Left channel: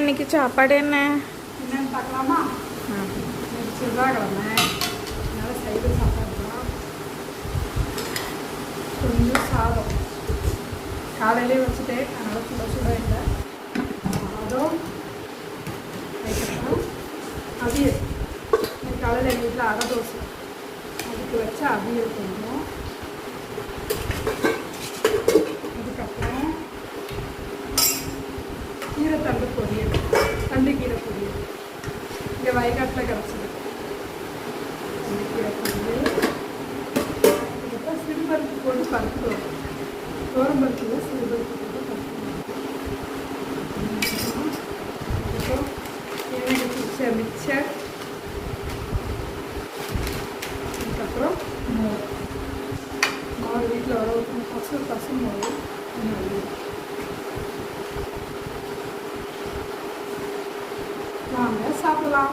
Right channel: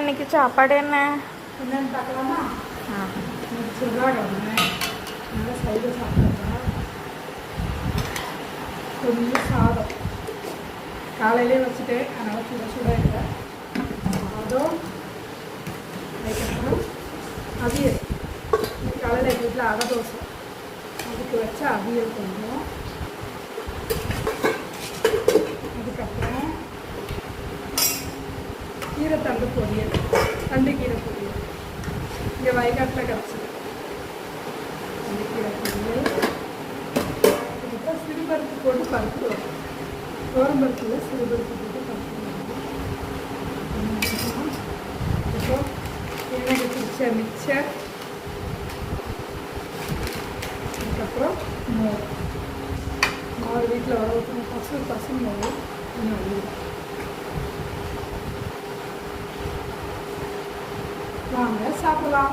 இன்னைக்கு சாப்பாடு என்ன என்னன்னு பார்க்கலாமா? இன்னைக்கு செவ்வாய்க்கிழமை நல்லா சைடு சாப்பிட்றோம். கொஞ்சம் சாதம் காலையிலே வச்சுட்டேன், அதனால் சுட சுட வைக்கிறோம். சாதம் வைக்கணும். அவியல் காலையில் எங்கள் வீட்டில் அரை தோசை அதுக்கு வச்சு அவியல் கொஞ்சம். அதுக்கப்புறம் கீரைத்தண்டு பொரியல், தண்டுக்கீரை பொரியல் இந்த வயக்காட்டில் கிடச்சிது. கீரை பொரியல், அதுக்கப்புறம் சிறுபருப்பு போட்டு பருப்பு தோரம்பருப்பு சிறுபருப்பு போட்டு பருப்பு அதுக்கப்புறம் எங்களுக்கு பிடிச்ச மிக்சர், அதுக்கப்புறம் மாவு வீட்டில் பசு மாவு என்னோட வாங்க சாப்பிடலாம்.